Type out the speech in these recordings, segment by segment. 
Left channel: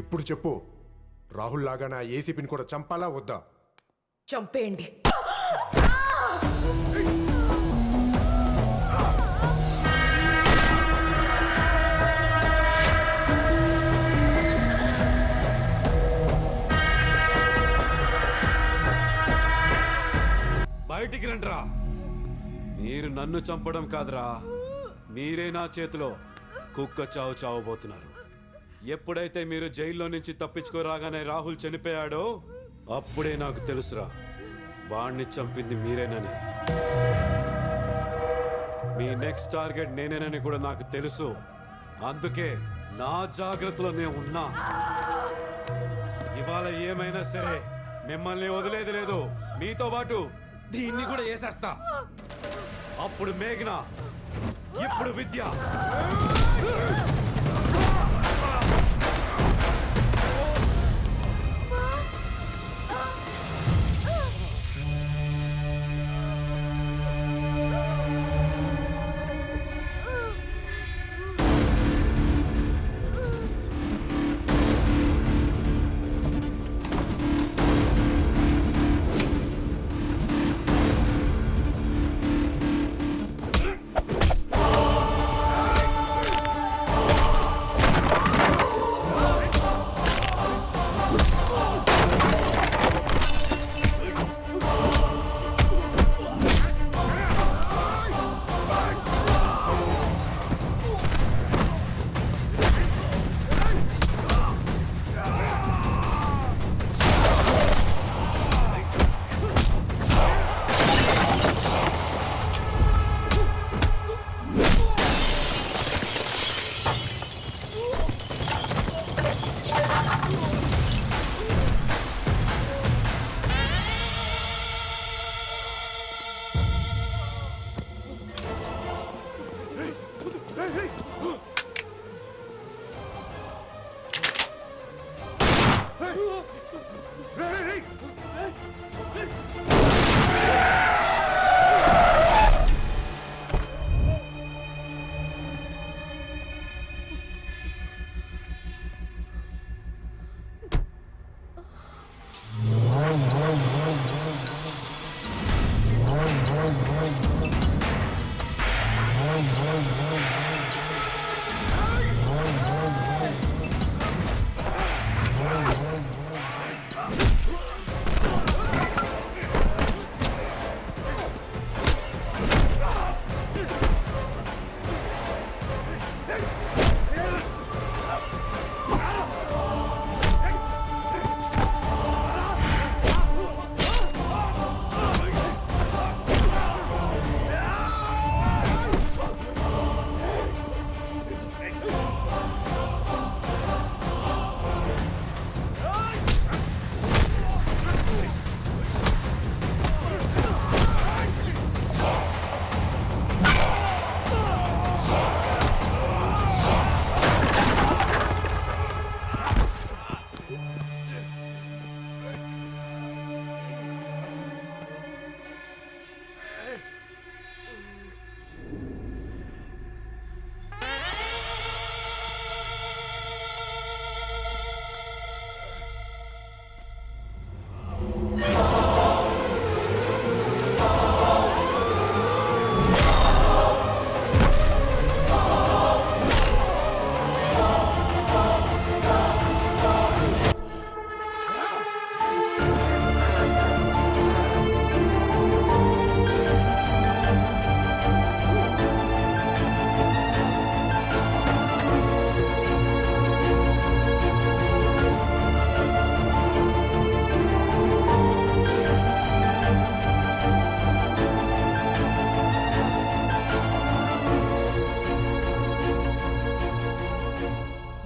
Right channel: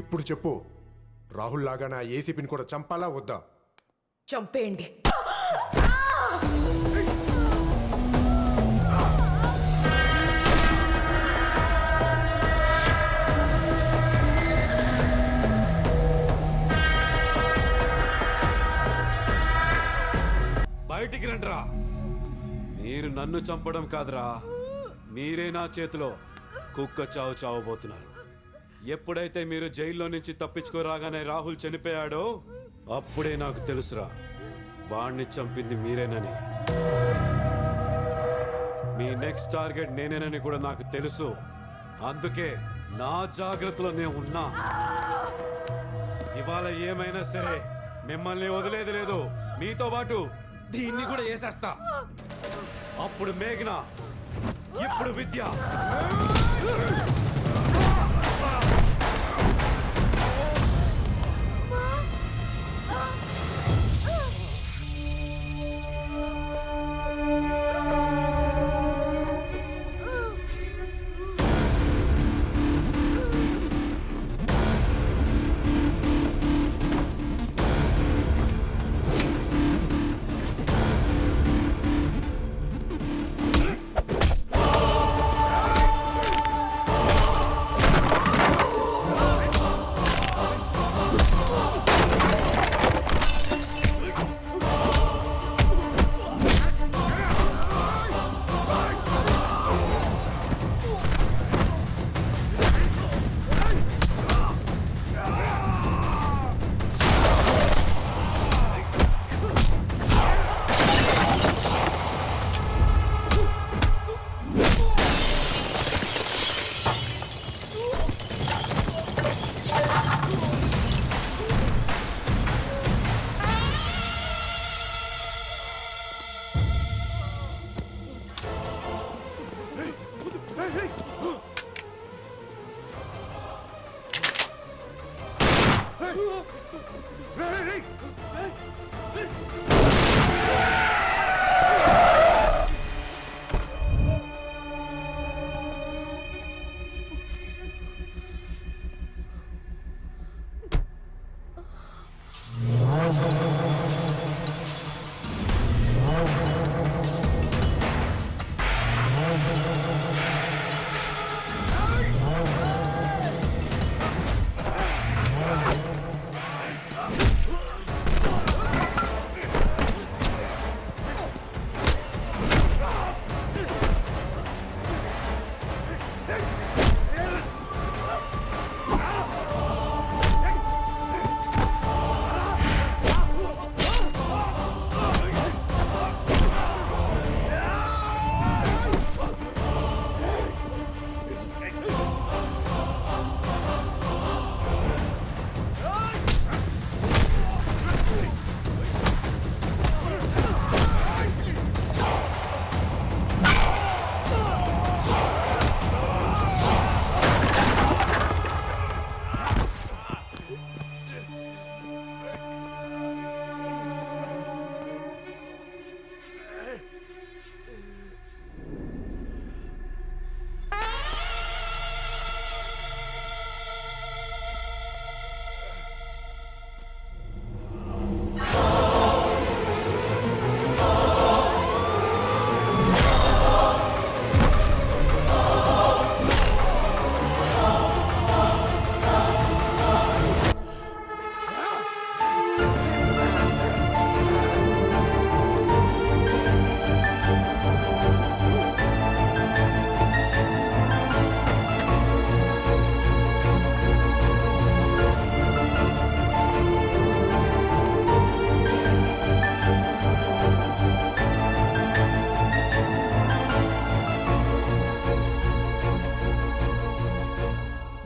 ఇప్పుడు చెప్పు, రాహుల్ లాగా నా ఏసీపీని కూడా చంపాలా వద్దా? చంపేయండి. బయటికి రండిరా. మీరు నన్ను చంపడం కాదురా, మీరే నా చేతిలో కుక్క చావు చావబోతున్నారు. ఎప్పుడైతే మీరు జైల్లో నుంచి తప్పించుకోరాగానే రాహుల్ చనిపోయాడో అప్పుడే నాకు తెలుసురా వాణ్ణి చంపింది మీరేనని. మీ నెక్స్ట్ టార్గెట్ నేనేనని కూడా నాకు తెలుసు. అందుకే నా జాగ్రత్తలో నేను ఉన్నా. ఇవాళ ఏమైనా సరే మిమ్మల్ని వదిలేది లేదు. మీతో పాటు దీన్ని కూడా వేసేస్తా. అప్పుడు మేఘన, ఇప్పుడు విద్య.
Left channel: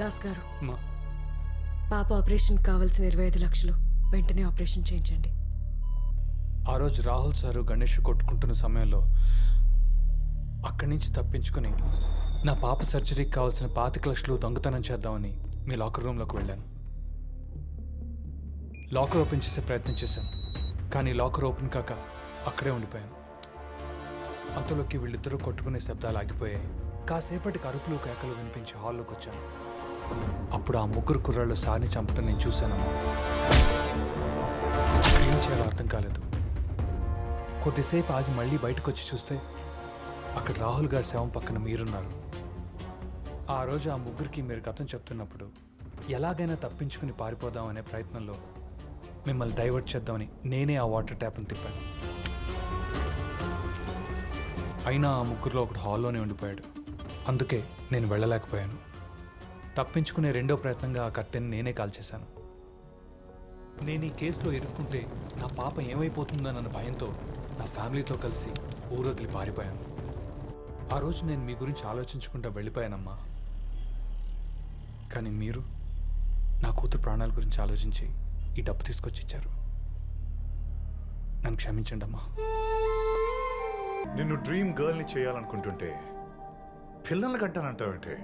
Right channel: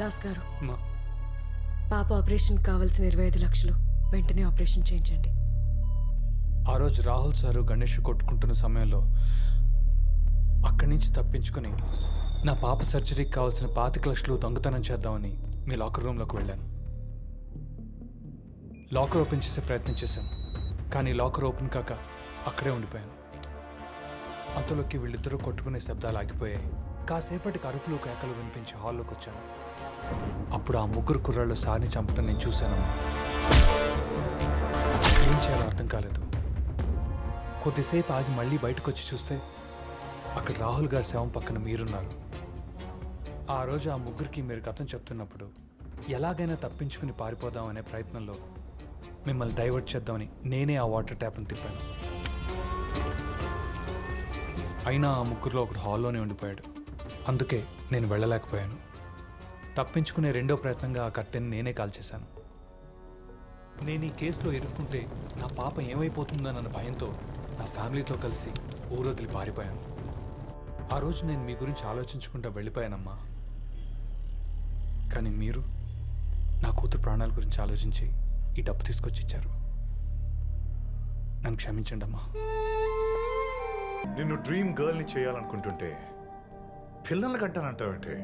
దాస్ గారు, పాప ఆపరేషన్ కావాల్సిన 25 లక్షలు వెంటనే ఆపరేషన్ చేయించండి. ఆ రోజు రాహుల్ సారు గణేష్ కొట్టుకుంటున్న సమయంలో అక్కడి నుంచి తప్పించుకుని నా పాప సర్జరీకి కావాల్సిన 25 లక్షలు దొంగతనం చేద్దామని మీ లాకర్ రూమ్లోకి వెళ్ళాను. లాకర్ ఓపెన్ చేసే ప్రయత్నం చేశాను, కానీ లాకర్ ఓపెన్ కాక అక్కడే ఉండిపోయాను. అంతలోకి వీళ్ళిద్దరూ కొట్టుకునే శబ్దాలు ఆగిపోయాయి. కాసేపటికి అరుపులు కేకలు వినిపించి హాల్లోకి వచ్చాను. అప్పుడు ఆ ముగ్గురు కుర్రాళ్ళు సార్ని చంపడం నేను చూశానమ్మా. ఏం చేయాలో అర్థం కాలేదు. కొద్దిసేపు ఆగి మళ్ళీ బయటకు వచ్చి చూస్తే అక్కడ రాహుల్ గారి శవం పక్కన మీరున్నారు. ఆ రోజు ఆ ముగ్గురికి మీరు కథం చెప్తున్నప్పుడు ఎలాగైనా తప్పించుకుని పారిపోదాం అనే ప్రయత్నంలో మిమ్మల్ని డైవర్ట్ చేద్దామని నేనే ఆ వాటర్ ట్యాప్ని తిప్పాను. అయినా ఆ ముగ్గురులో ఒకడు హాల్లోనే ఉండిపోయాడు. అందుకే నేను వెళ్ళలేకపోయాను. తప్పించుకునే రెండో ప్రయత్నంగా ఆ కట్టెని నేనే కాల్చేశాను. నేను ఈ కేసులో ఇరుక్కుంటే నా పాప ఏమైపోతుందన్న భయంతో నా ఫ్యామిలీతో కలిసి ఊరొదిలి పారిపోయాను. ఆ రోజు నేను మీ గురించి ఆలోచించుకుంటూ వెళ్ళిపోయానమ్మా. కానీ మీరు నా కూతురు ప్రాణాల గురించి ఆలోచించి ఈ డబ్బు తీసుకొచ్చి ఇచ్చారు. నన్ను క్షమించండి అమ్మా. నిన్ను డ్రీమ్ గర్ల్ని చేయాలనుకుంటుంటే పిల్లల్ని కంటానంటావంటే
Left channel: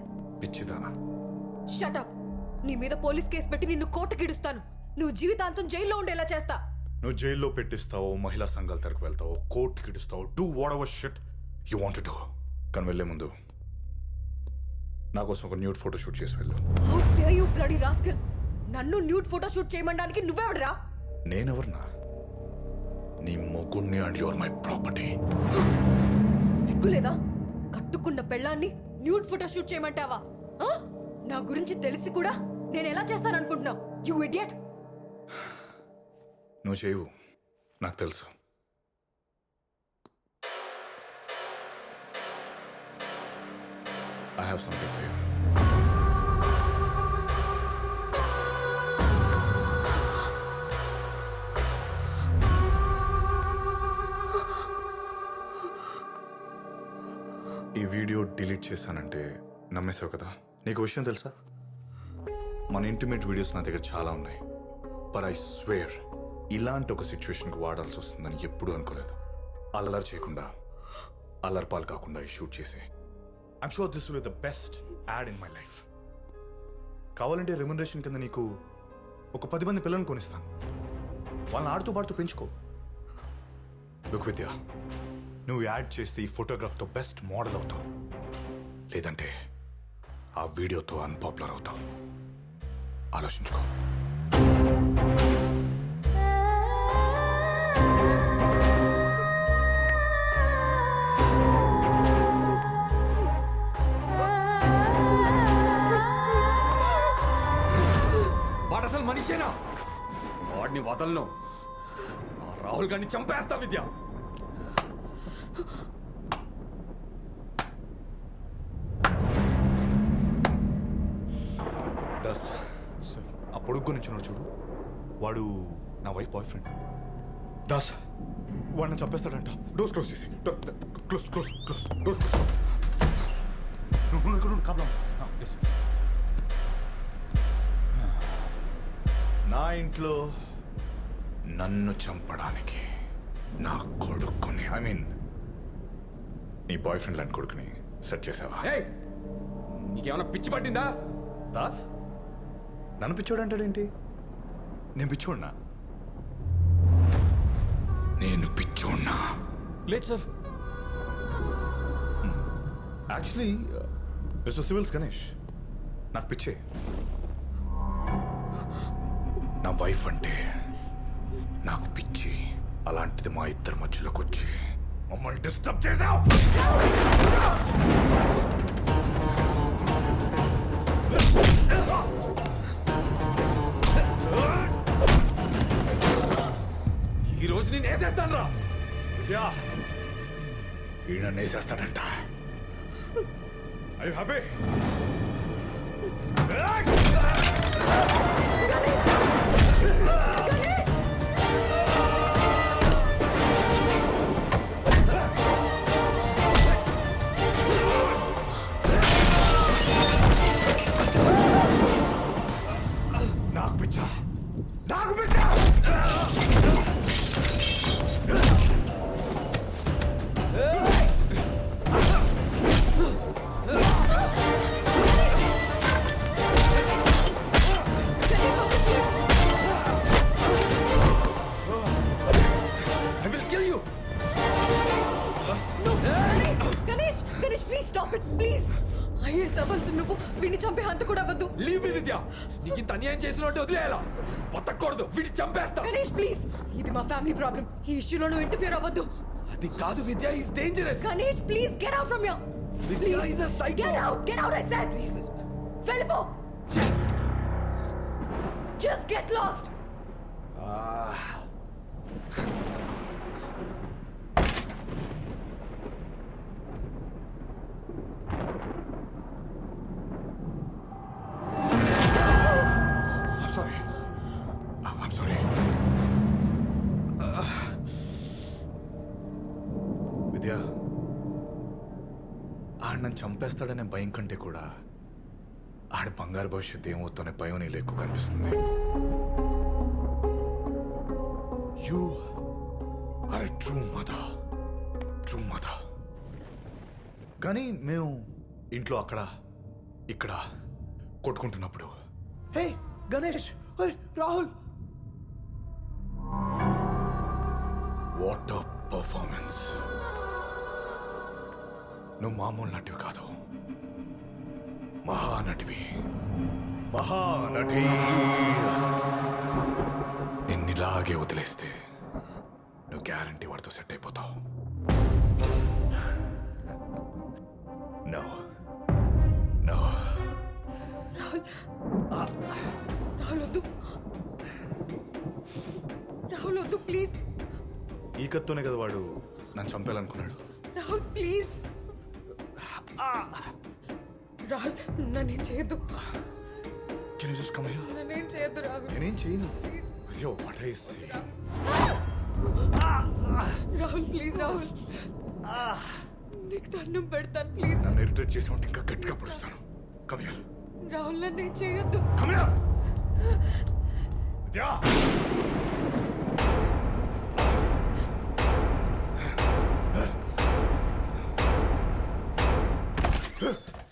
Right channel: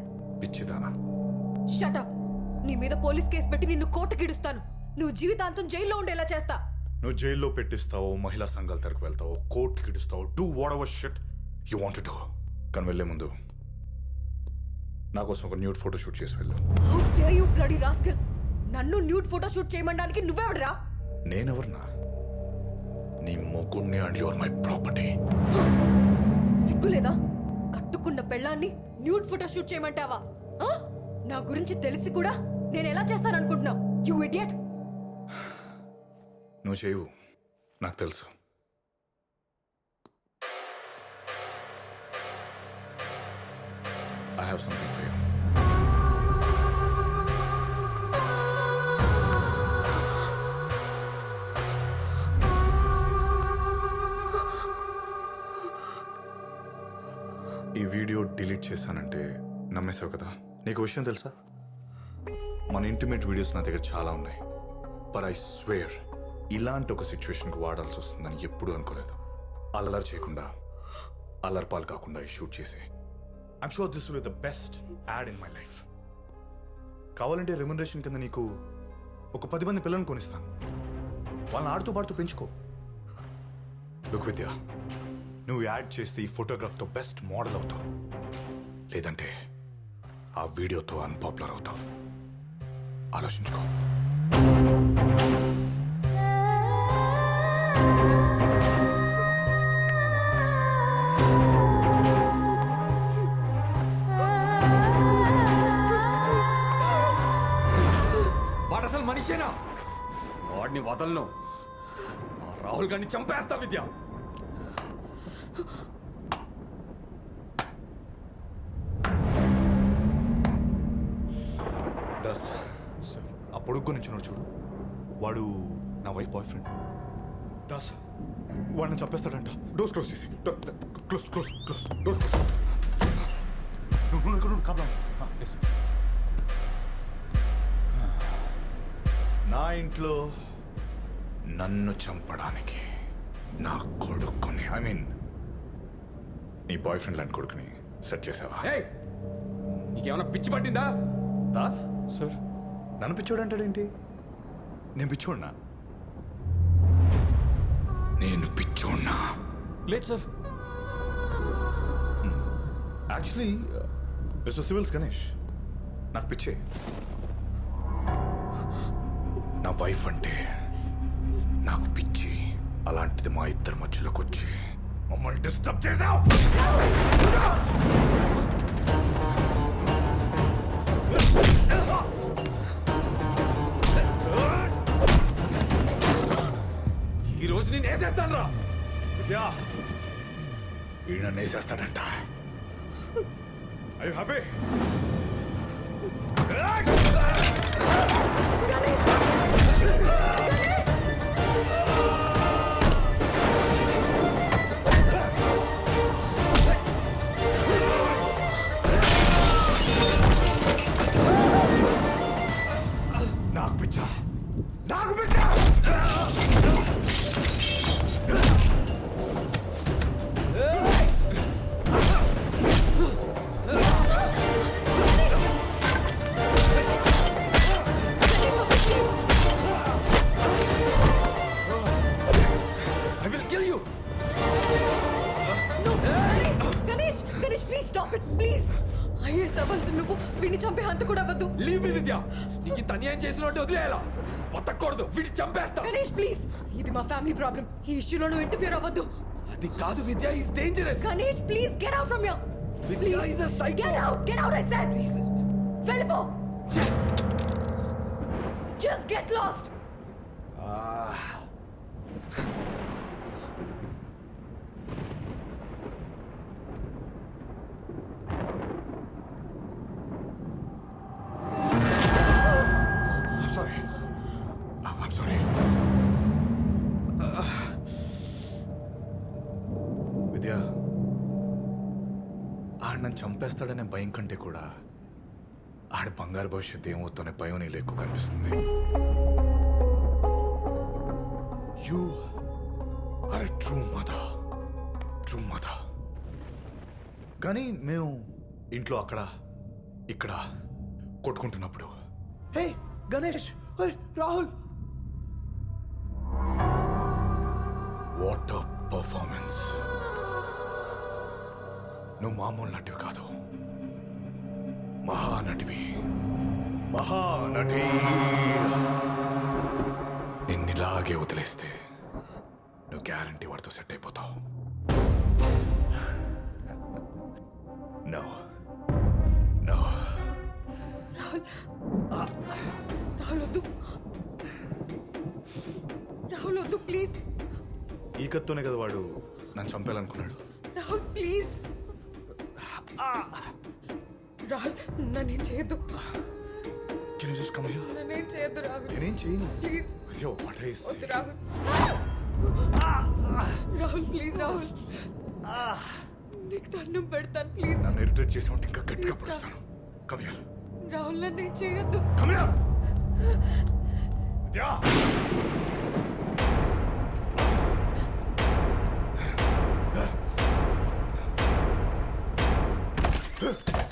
పిచ్చిదానా? షటప్. నీ మీద పోలీస్ కేసు పెట్టి నిన్ను కోర్టుకిడుస్తాను. నువ్వు జీవితాంతం జైల్లో ఉండేలా చేస్తా. నువ్వు జైల్లో పెట్టిస్తావో, మహిళా సంఘాల తరకు వెళ్తావో, కోర్టుకి ఇడుస్తావో, do whatever shit you want to do. కానీ వెళ్ళే ముందు నా కోసం ఒక న్యూడ్ ఫోటో షూట్ చేసి వెళ్ళు. How dare you bloody rascal. నన్ను న్యూడ్ ఫోటో షూట్ చేయమనడానికి నువ్వెవడరా? నేనెవరన్నా? నీ మొగుణ్ణి అండ్ యువర్ మై ప్రాపర్టీ. సిగ్గులేదా? కట్టుకున్న పెళ్ళాన్ని న్యూడ్ ఫోటో షూట్ చేయమంటావా? ఆ? నా గురించి తెలిసి కూడా నేను ఎలా చేస్తాననుకుంటున్నావు? You idiot. నువ్వు చేయవు, నాకు తెలుసు. I have something for you. ఈ వీడియో డిలీట్ చేశానంటే నమ్మేశావు కదా? నీకు విషయం తెలుసా? మన ఇంటిమేట్ వీడియోస్ నా దగ్గర చాలా ఉన్నాయి. బట్ ఐ స్వేర్ ఇలాంటి ఒక సిచ్యువేషన్కి వాడాల్సి వస్తుందని ఎప్పుడూ అనుకోలేదు. అల్లరి చేయకుండా, అల్లరి పాలు కాకుండా ఈ షూట్ చేసే. I'm sure this will be the best add in my life. కావాలంటే రెమ్యునరేషన్ కింద నీకు ఒక 10 మంది పిల్లల్ని కొనిస్తాను. వాళ్ళని ఆడుతూ పాడుతూ పెంచుకో. లుక్ విద్య, నువ్వు యాడ్ చేస్తే ఈ ఫోటోగ్రాఫ్తో బెస్ట్ మోడల్ అవుతావు. లేదంటే ఆ వీడియోతో అన్పాపులర్ అవుతావు. ఆలోచించుకో. వాడు అసలు మనిషేనా? వాడిని వదలను. ఆ రాహుల్ గారిని చంపేస్తా విద్య. దాస్, ఆ పొడుగ్గు నుంచి చూడు, వాడు నా వైఫ్ బాయ్ ఫ్రెండ్. దాస్, వాడిని చంపేస్తాడంట. డోర్స్ క్లోజ్ చేసి. Close close close doors close. నువ్వు కాపలా. నా ఇంట్లో నన్ను చంపడానికి నా కొడుకుని, ఐ మీన్ నీ బాయ్ ఫ్రెండ్ లాంటి కొడుకుని సెట్ చేసావా? నీకేమైనా పిచ్చి పట్టిందా? దాస్ సార్, నన్ను పిచ్చోడు అంటాడేంటి? నేను పిచ్చోడ్నా? నేను పిచ్చోడ్నా? లేదు sir. Actually mister civils Ganesh, నాకు పిచ్చే. నా వైఫ్ అంటే నాకు పిచ్చి. అలాంటిది మా ఇద్దరి మధ్యలోకి వచ్చి మమ్మల్ని డిస్టర్బ్ చేశావు. ఈ రోజు నేను వేసేస్తాను రా. విద్యా, ఈయన నేసేస్తాడంట. Are you happy? నాకు పిచ్చా, నాకు పిచ్చా. I will kill you. No, Ganesh, Ganesh, Ganesh, please stop it, please. Is అవ్వాల్సి నువ్వు వీడిని చంపే హంత కూడా వద్దు. Leave విద్య నీకు ఇంత అన్యాయం చేసినట్టు వదిలేయాలా బతకూడదు వీడి చంపేస్తా గణేష్ ప్లీజ్ ఇది మా ఫ్యామిలీ ప్రాబ్లం ఈ ఇష్యూలో నువ్వు ఇంటర్ఫియర్ అవ్వద్దు అది కాదు Vidya is dangerous Ganesh please get out from here Vidya is a psycho get out I said వెళ్ళిపో just get lost I'm sorry. I'm sorry. Vidya ఆడు నన్ను చంపేస్తాడనే భయం కంటే కూడా ఆడి బంగారు భవిష్యత్తు ఏమవుతుందనే భయం నీళ్ళు ఎక్కువ కనిపిస్తుంది you are a true mother కానీ మేము ఇంట్లో అక్కడ ఇక్కడ కొట్టుకుంటున్నప్పుడు hey Ganesh hey Rahul what a performance నువ్వు మామూలు నటివి కాదు మహానటివి మహానటి నిన్నిలాగే వదిలేస్తే నువ్వు గ్యారంటీ వాడితో సెట్ అయిపోతావు నో నో రాహుల్ వద్దు రాహుల్ వద్దు ప్లీజ్ ఈ కత్తోనే కదా వాడు నన్ను చంపేయాలనుకున్నాడు రాహుల్ ప్లీజ్ రాహుల్ నన్నేం చేయొద్దు can you just come here నన్నేం చేయొద్దు రాహుల్ నేనేం చేయను ప్లీజ్ అయ్యో వాట్ ఐస్ వద్దు రాహుల్ రాహుల్ ప్లీజ్ రాహుల్ నీకు దండం పెడతాను ప్లీజ్ నన్ను ఇరిటేట్ చేసి ఉంటే ఇంకా గట్టిగా పడుస్తాను కమ్ హియర్ రాహుల్ నన్నేం చేయొద్దు కమ్ హియర్ విద్యా Huh?